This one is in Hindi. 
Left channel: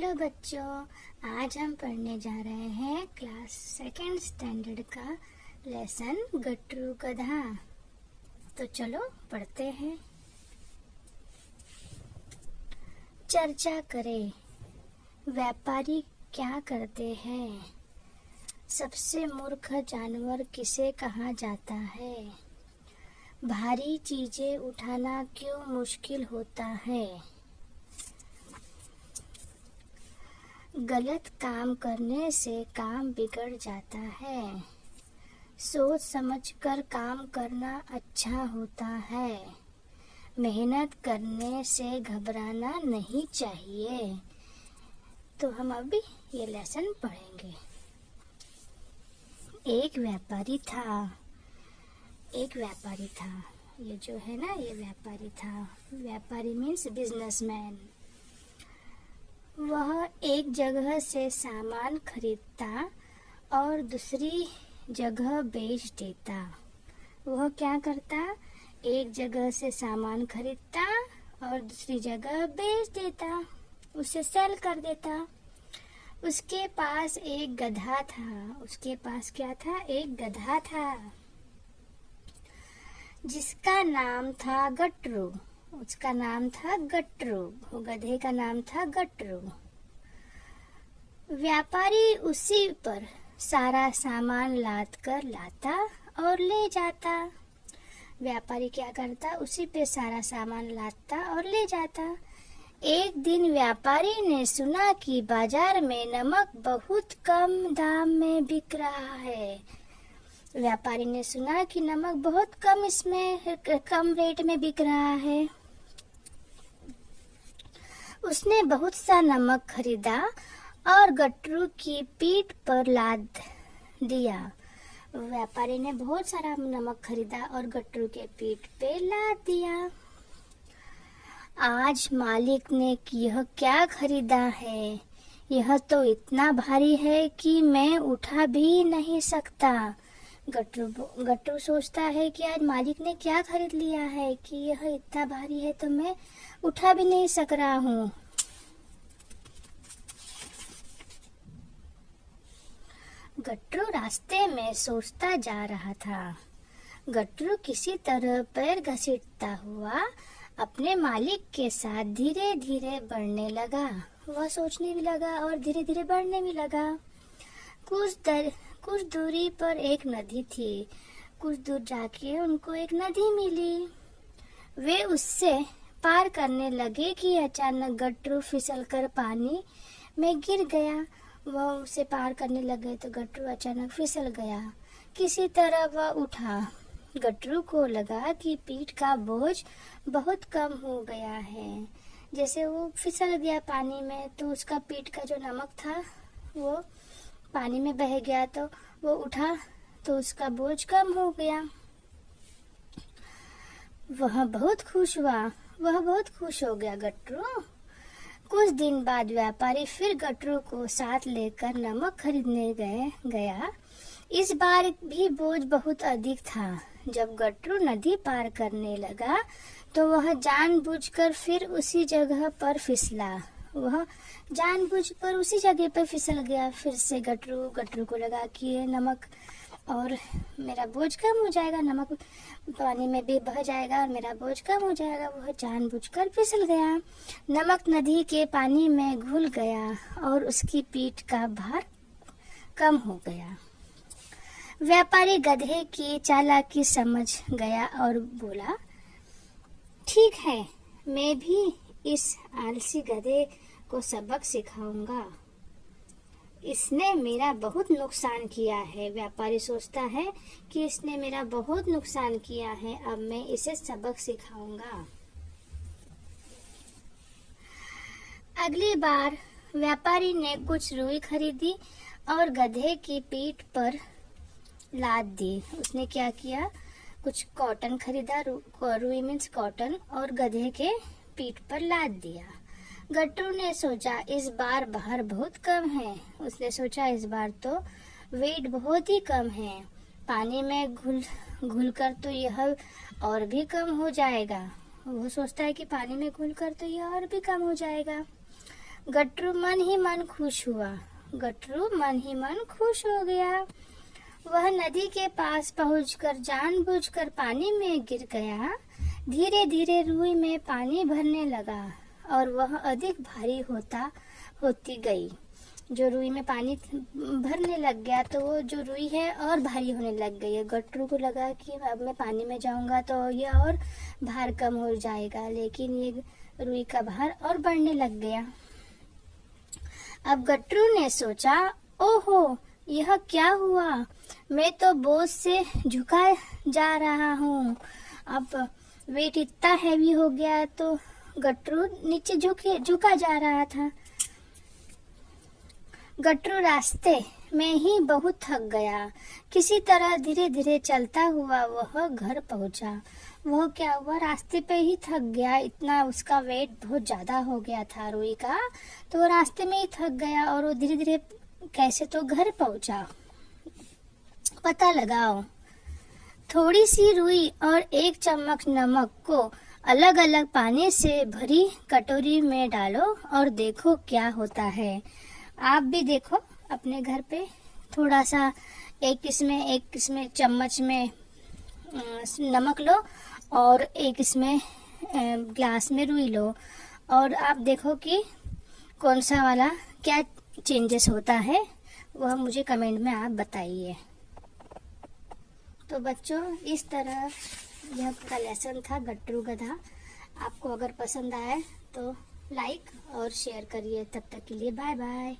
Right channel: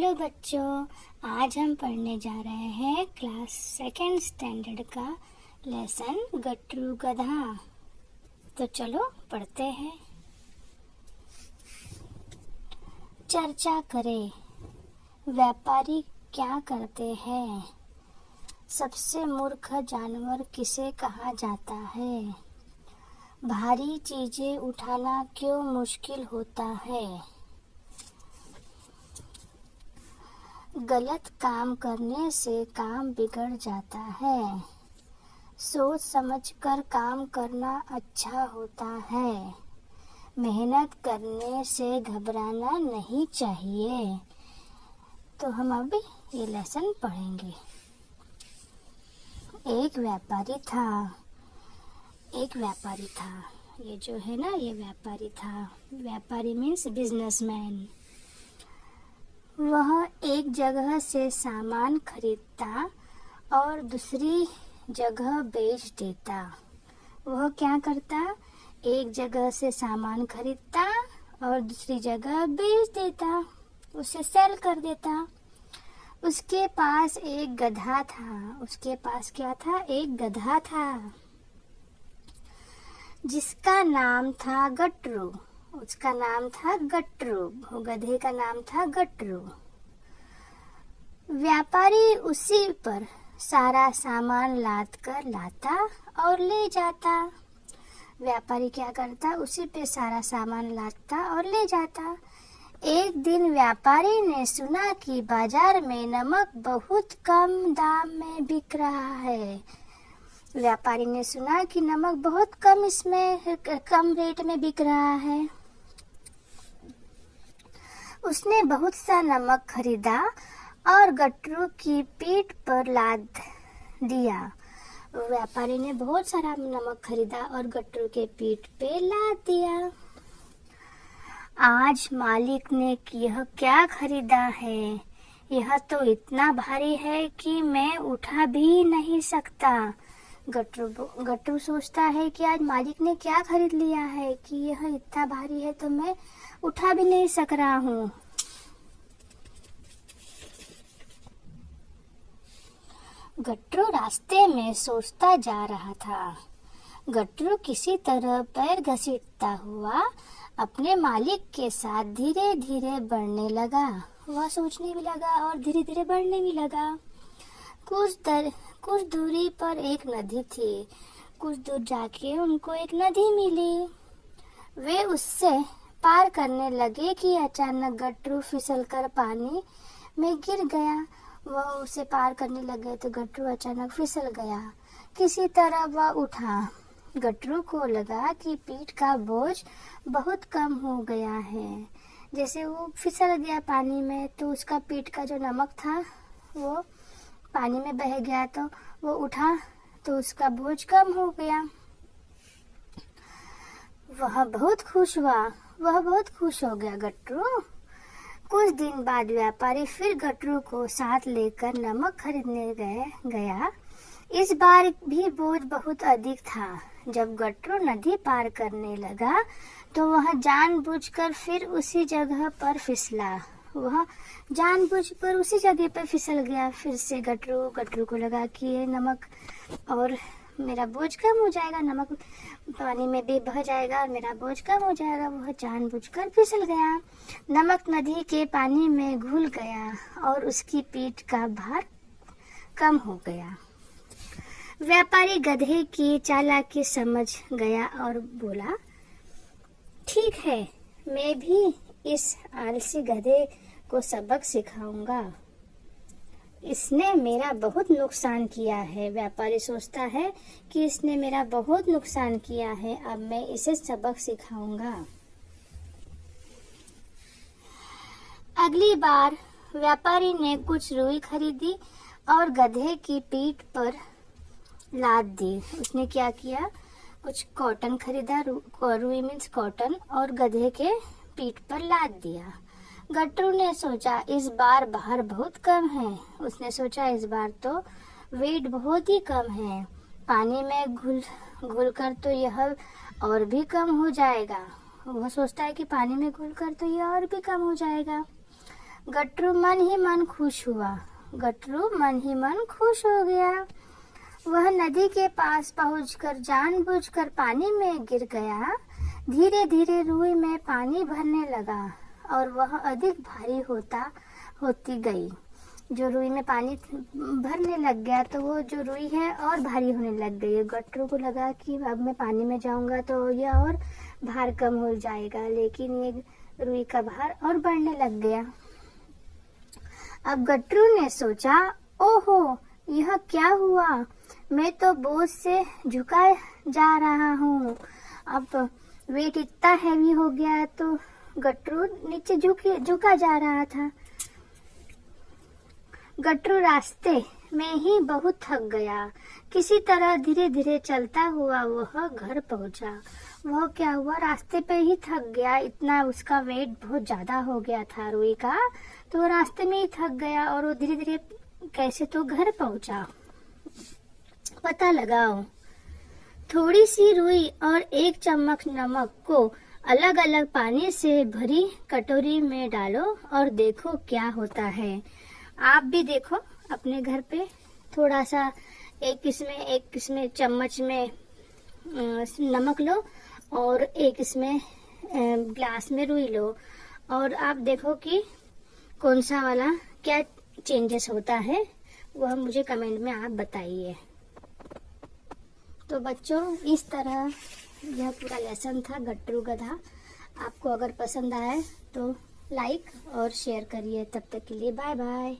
हेलो बच्चों, आज हम पढ़ने जा रहे हैं क्लास सेकंड स्टैंडर्ड का लेसन गट्टू गधा। तो चलो पढ़ते हैं। चर्चा करें। व्यापारी क्या करते हैं? सबसे मूर्ख जानवर किसे कहा जाता है? भारी चीजें उठाना क्यों मुश्किल होता है? गलत काम करने से काम बिगड़ जाता है। सोच समझकर काम करना अच्छा होता है। मेहनत करने से घबराना नहीं चाहिए। तो हम अभी ये लेसन पढ़ेंगे। एक व्यापारी था। ये जो है ना, ये व्यापारी था। व्यापारी मीन्स बिजनेसमैन। वह एक जगह से सामान खरीदता और दूसरी जगह बेच देता। वह क्या करता? एक जगह से सामान खरीदता और दूसरी जगह बेच देता, उसे सेल कर देता। उसके पास एक गधा था। उसके पास क्या था? एक गधा था जिसका नाम था गट्टू। उसका नाम था गट्टू। वो गधे का नाम था गट्टू। व्यापारी उसी पर सारा सामान लाद कर लाता और ले जाता। व्यापारी क्या करता? उसी पे सारा सामान लाता और ले जाता। एक दिन व्यापारी ने सुना कि बाजार में नमक बहुत कम दाम में बिक रहा है। व्यापारी ने सुना कि नमक बहुत कम रेट में बिक रहा है। उसने बहुत सा नमक खरीदा और गट्टू की पीठ पर लाद दिया। व्यापारी ने बहुत सारा नमक खरीदा और गट्टू के पीठ पे लाद दिया। आज मालिक ने यह क्या खरीदा है? यह तो इतना भारी है कि मैं उठा भी नहीं सकता। गट्टू सोचता है कि आज मालिक ने क्या खरीद लिया है कि यह इतना भारी है तो मैं उठा भी नहीं सक रहा हूँ। गट्टू रास्ते में सोचता जा रहा था। गट्टू किसी तरह पैर घसीटता हुआ अपने मालिक के साथ धीरे धीरे बढ़ने लगा। वह सोचने भी लगा और धीरे धीरे बढ़ने भी लगा। कुछ दूरी पर एक नदी थी। कुछ दूर जाके उनको एक नदी मिली। वे उससे पार करने लगे कि अचानक गट्टू फिसलकर पानी में गिर गया। वह उसे पार करने लगे तो गट्टू अचानक फिसल गया। किसी तरह वह उठा। गट्टू को लगा कि पीठ का बोझ बहुत कम हो गया है। जैसे वो फिसल गया पानी में तो उसका पीठ का जो नमक था वो पानी में बह गया, तो वो उठा तो उसका बोझ कम हो गया। वह बहुत खुश हो गया गट्टू। कुछ दिन बाद व्यापारी फिर गट्टू को साथ लेकर नमक खरीदने गया। इस बार भी बोझ बहुत अधिक था। जब गट्टू नदी पार करने लगा तो वह जानबूझकर फिर उसी जगह पर फिसला। वह जानबूझकर उसी जगह पर फिसल गया। फिर से गट्टू को लगा कि ये नमक और मेरा बोझ कम हो जाएगा, नमक पानी में भी बह जाएगा और मेरा बोझ कम हो जाएगा। वह जानबूझकर फिसल गया। नमक नदी के पानी में घुल गया और उसकी पीठ का भार कम हो गया। व्यापारी गधे की चालाकी समझ गया और बोला, ठीक है, मैं भी इस आलसी गधे को सबक सिखाऊंगा। इसने मेरा बहुत नुकसान किया है। व्यापारी सोचता है कि इसने मेरा बहुत नुकसान किया है, अब मैं इसे सबक सिखाऊंगा। अगली बार व्यापारी ने कुछ रुई खरीदी और गधे की पीठ पर लाद दी। उसने क्या किया? कुछ कॉटन खरीदा, रुई मीन्स कॉटन, और गधे के पीठ पर लाद दिया। गट्टू ने सोचा इस बार भार बहुत कम है। उसने सोचा इस बार तो वेट बहुत ही कम है। पानी में घुल कर तो यह और भी कम हो जाएगा। वह सोचता है कि पानी में घुल कर तो यह और भी कम हो जाएगा। गट्टू मन ही मन खुश हुआ। गट्टू मन ही मन खुश हो गया। वह नदी के पास पहुंचकर जानबूझकर पानी में गिर गया। धीरे धीरे रुई में पानी भरने लगा और वह अधिक भारी होती गई। जो रुई में पानी भरने लग गया तो वो जो रुई है और भारी होने लग गई। गट्टू को लगा कि अब मैं पानी में जाऊंगा तो यह और भार कम हो जाएगा, लेकिन ये रुई का भार और बढ़ने लग गया। अब गट्टू ने सोचा, ओहो, यह क्या हुआ? मैं तो बोझ से झुका जा रहा हूँ। अब वेट इतना हैवी हो गया है तो गट्टू नीचे झुका जा रहा था। गट्टू रास्ते में ही बहुत थक गया। किसी तरह धीरे धीरे चलता हुआ वह घर पहुंचा। वह क्या हुआ, रास्ते पे ही थक गया। इतना उसका वेट बहुत ज्यादा हो गया था रुई का, तो वो रास्ते में ही थक गया और वो धीरे धीरे कैसे तो घर पहुंचा। पता लगाओ। थोड़ी सी रुई और 1 चम्मच नमक को अलग अलग पानी से भरी कटोरी में डालो और देखो क्या होता है। आप भी देखो अपने घर पे, थोड़ा सा एक इसमें चम्मच में नमक लो और एक इसमें ग्लास में रुई लो और आप देखो कि कौन सा वाला क्या चेंजेस होता है, वह मुझे कमेंट में आप बताइए। तो बच्चों, इस तरह यह पूरा लेसन था गट्टू गधा। आपको अगर पसंद आए तो लाइक और शेयर करिए। तब तक के लिए बाय बाय।